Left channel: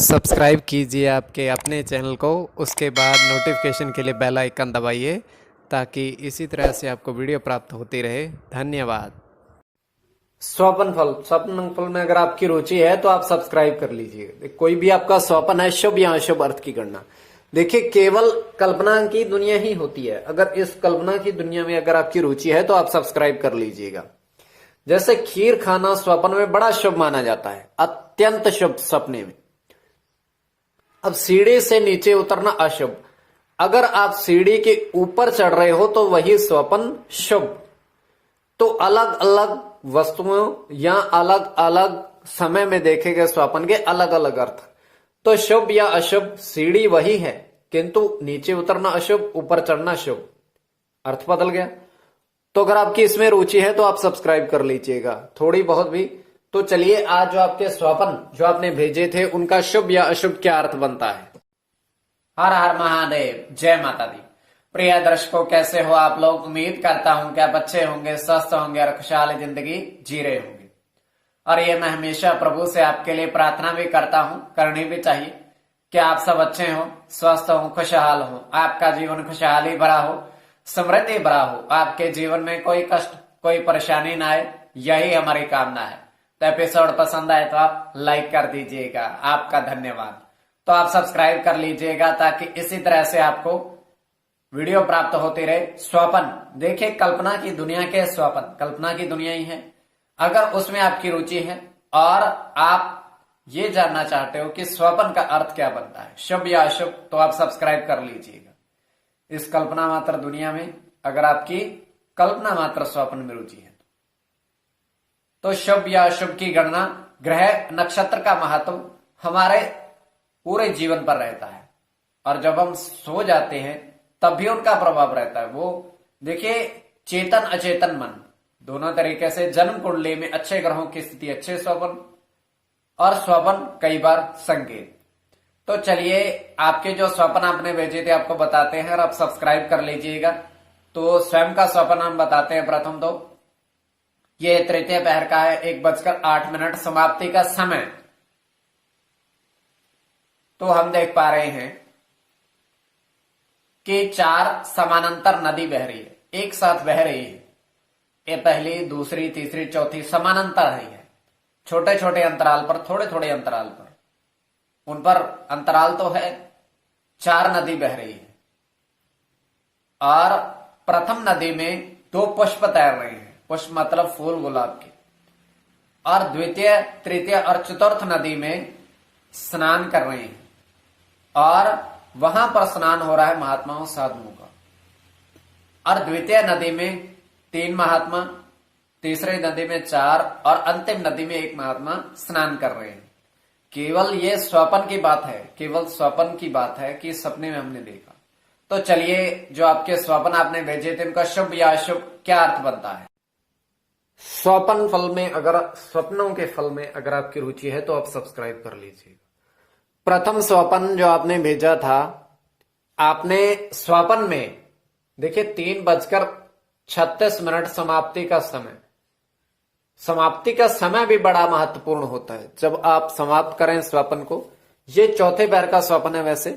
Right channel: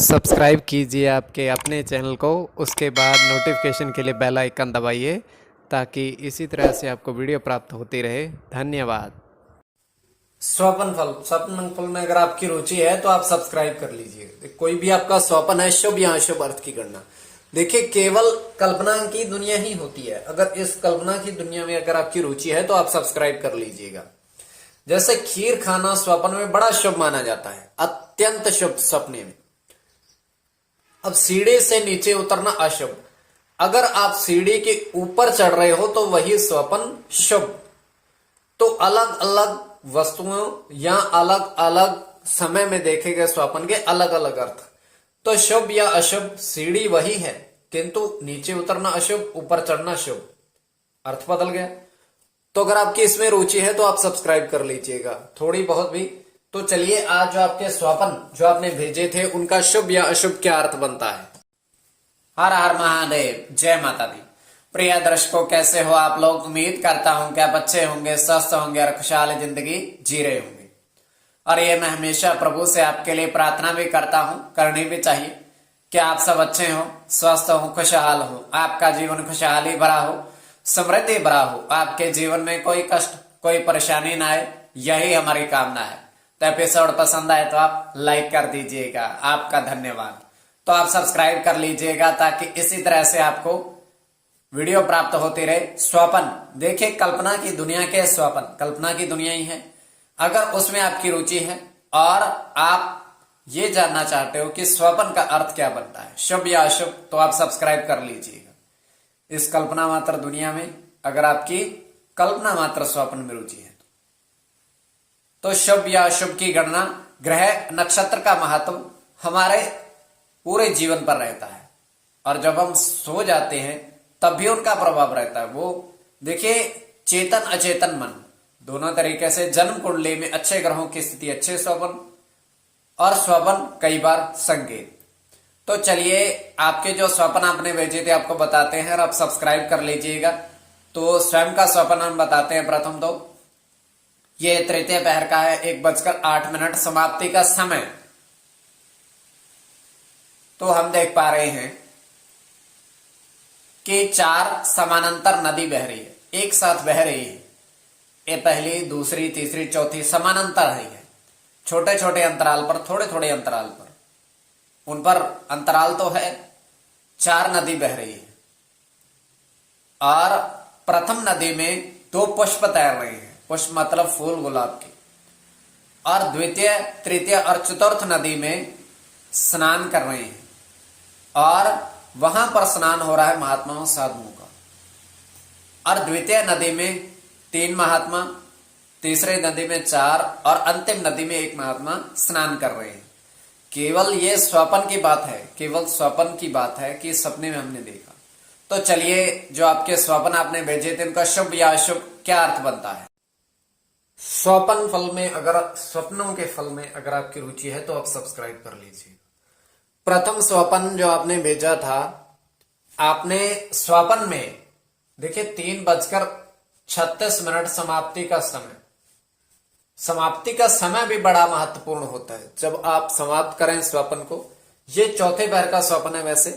Subscribe कीजिए आपके अपने चैनल को, उसके बाद नोटिफिकेशन के लिए बेल आइकन दबाइए ताकि इसी तरह से आपको वीडियो प्राप्त होती रहे। धन्यवाद। स्वप्न फल में अगर आपकी रुचि है तो आप सब्सक्राइब कर लीजिए। कोई भी आपका स्वप्न है, शुभ या अशुभ अर्थ की गणना। देखिए, केवल कल्पना की दुनिया ही होती है। अगर इस कल्पना की दुनिया में अगर आपकी रुचि है तो आप सब्सक्राइब कर लीजिएगा। जैसे खीर खाना स्वप्न में बड़ा शुभ माना जाता है, अत्यंत शुभ सपने में। अब सीढ़ी से नीचे उतरना अशुभ। अगर आप सीढ़ी के ऊपर चढ़ रहे हो तो वही स्वप्न शुभ। तो अलग अलग वस्तुओं या अलग अलग समय में देखे गए स्वप्न के अलग अलग अर्थ। तो शुभ या अशुभ, सीढ़ी वही है किंतु नीचे उतरना अशुभ, ऊपर चढ़ना शुभ। अर्थ बदल गया। तो अगर आपकी इसमें रुचि है तो आप सब्सक्राइब कर लीजिएगा, थोड़ी बहुत भी। तो चलिए, आज जो आपके स्वप्न जो आपने भेजे थे उनका शुभ या अशुभ क्या अर्थ बनता है। हर हर महादेव, जय माता दी। प्रिय दर्शकों, कैसे हो आप लोग? उम्मीद करता हूं कि आप अच्छे होंगे, स्वस्थ होंगे और खुशहाल जिंदगी जी रहे होंगे। और ये मैं हमेशा प्रभु से आपके लिए प्रार्थना भी करता हूं, करनी भी चाहिए कि आप सब अच्छे हो, स्वस्थ हो, खुशहाल हो, आपका जीवन खुशहाली भरा हो, समृद्धि भरा हो, आपके जीवन में कोई कष्ट कोई परेशानी ना आए, यही हमारी कामना है। तो एपिसोड पसंद आए तो आप लाइक कर दीजिएगा, आपका धन्यवाद। तो आप सब्सक्राइब कर लीजिएगा ताकि इसी तरह से आपको वीडियो प्राप्त होती रहे। स्वप्न, देखिए कल्पना की दुनिया के स्वप्न कल्पना की दुनिया ही है। अगर उसमें आपकी रुचि है और आप ये जानना चाहते हो कि स्वप्न का अर्थ क्या बनता है, शुभ या अशुभ, तो आप सब्सक्राइब कर लीजिएगा। इस कल्पना मात्र दुनिया में अगर आपकी कल्पना मात्र स्वप्न में रुचि है तो शुभ या अशुभ की गणना ग्रह नक्षत्र का महत्व हमारे पूरे जीवन पर रहता है। और जब हम सो जाते हैं तब भी उनका प्रभाव रहता है। वो देखिए, चेतन अचेतन मन दोनों तरीके से जन्म कुंडली में अच्छे ग्रहों की स्थिति, अच्छे स्वप्न और स्वप्न कई बार संकेत। तो चलिए, आपके जो स्वप्न आपने भेजे थे आपको बताते हैं और आप सब्सक्राइब कर लीजिएगा। तो स्वयं का स्वप्न हम बताते हैं। प्रथम तो ये तृतीय पहर का है, 1:08 समाप्ति का समय। तो हम देख पा रहे हैं कि 4 समानांतर नदी बह रही है, एक साथ बह रही है। ये पहली, दूसरी, तीसरी, चौथी समानांतर है। छोटे छोटे अंतराल पर, थोड़े थोड़े अंतराल पर, उन पर अंतराल तो है। 4 नदी बह रही है और प्रथम नदी में 2 पुष्प तैर रहे हैं। पुष्प मतलब फूल, गुलाब की। और द्वितीय, तृतीय और चतुर्थ नदी में स्नान कर रहे हैं और वहां पर स्नान हो रहा है महात्माओं साधुओं का। और द्वितीय नदी में 3 महात्मा, तीसरे नदी में 4 और अंतिम नदी में 1 महात्मा स्नान कर रहे हैं। केवल ये स्वप्न की बात है, केवल स्वप्न की बात है कि सपने में हमने देखा। तो चलिए, जो आपके स्वप्न आपने भेजे थे उनका शुभ या अशुभ क्या अर्थ बनता है। स्वप्न फल में, अगर स्वप्नों के फल में अगर आपकी रुचि है तो आप सब्सक्राइब कर लीजिए। प्रथम स्वप्न जो आपने भेजा था, आपने स्वप्न में देखिए 3:36 समाप्ति का समय। समाप्ति का समय भी बड़ा महत्वपूर्ण होता है जब आप समाप्त करें स्वप्न को। ये चौथे पैर का स्वप्न है वैसे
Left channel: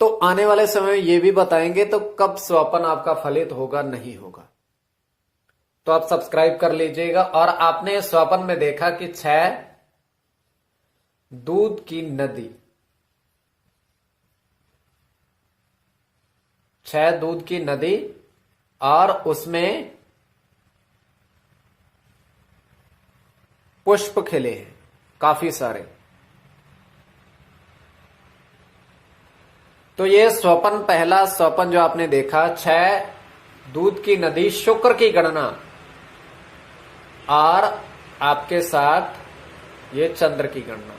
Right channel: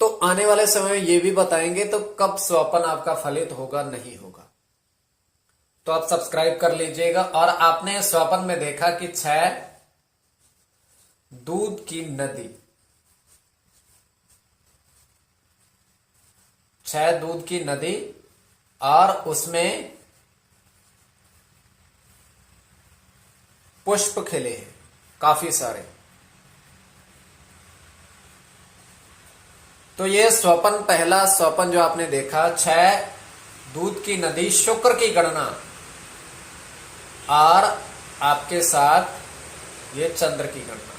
तो। आने वाले समय में ये भी बताएंगे तो कब स्वप्न आपका फलित होगा, नहीं होगा। तो आप सब्सक्राइब कर लीजिएगा। और आपने स्वप्न में देखा कि 6 दूध की नदी, 6 दूध की नदी और उसमें पुष्प खिले हैं काफी सारे। तो ये स्वप्न, पहला स्वप्न जो आपने देखा, 6 दूध की नदी, शुक्र की गणना और आपके साथ ये चंद्र की गणना।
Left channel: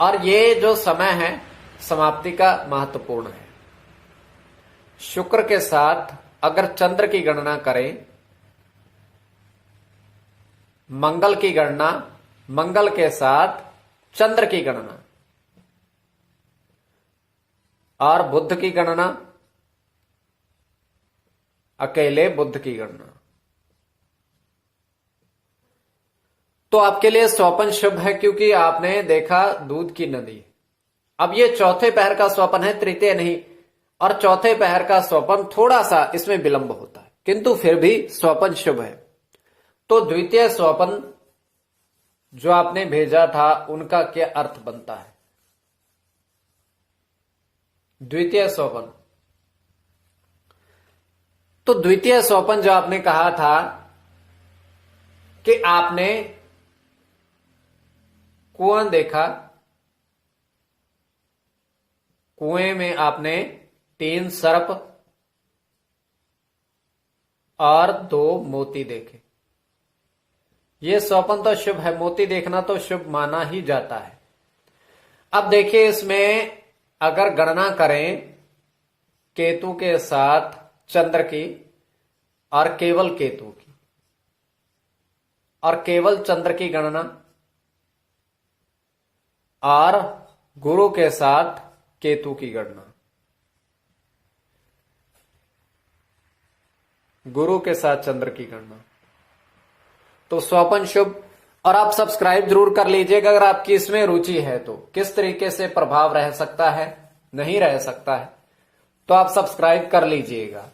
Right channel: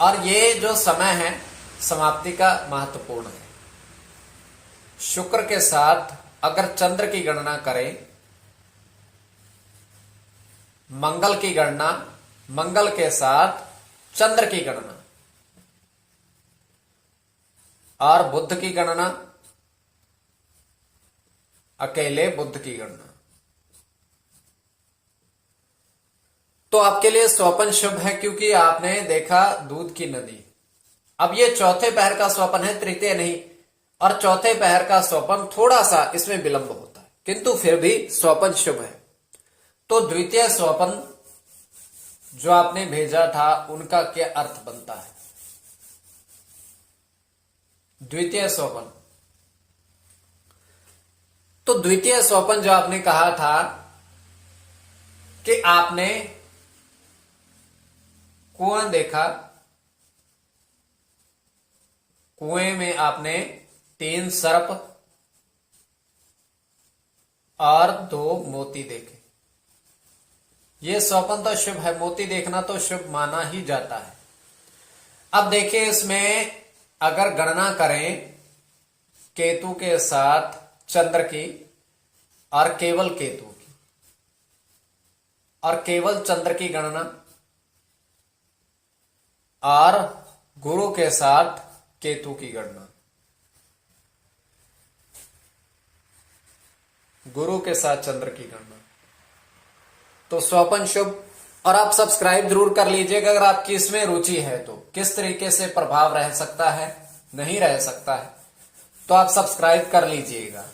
और ये जो समय है समाप्ति का महत्वपूर्ण है। शुक्र के साथ अगर चंद्र की गणना करें, मंगल की गणना, मंगल के साथ चंद्र की गणना और बुध की गणना, अकेले बुध की गणना। तो आपके लिए स्वप्न शुभ है क्योंकि आपने देखा दूध की नदी। अब ये चौथे पहर का स्वप्न है, तृतीय नहीं, और चौथे पहर का स्वप्न थोड़ा सा इसमें विलंब होता है, किंतु फिर भी स्वप्न शुभ है। तो द्वितीय स्वप्न जो आपने भेजा था उनका क्या अर्थ बनता है? द्वितीय स्वप्न, तो द्वितीय स्वप्न जो आपने कहा था कि आपने कुआं देखा, कुएं में आपने 3 सर्प और 2 मोती देखे। यह स्वप्न तो शुभ है, मोती देखना तो शुभ माना ही जाता है। अब देखिए इसमें अगर गणना करें केतु के साथ चंद्र की और केवल केतु की और केवल चंद्र की गणना और गुरु के साथ केतु की गणना, गुरु के साथ चंद्र की गणना, तो स्वप्न शुभ। और आप सब्सक्राइब जरूर कर लीजिएगा अगर आपकी इसमें रुचि है तो। किस तरीके से प्रभाव रह सकता है, नहीं रह सकता है, तो आप सब्सक्राइब कर लीजिएगा।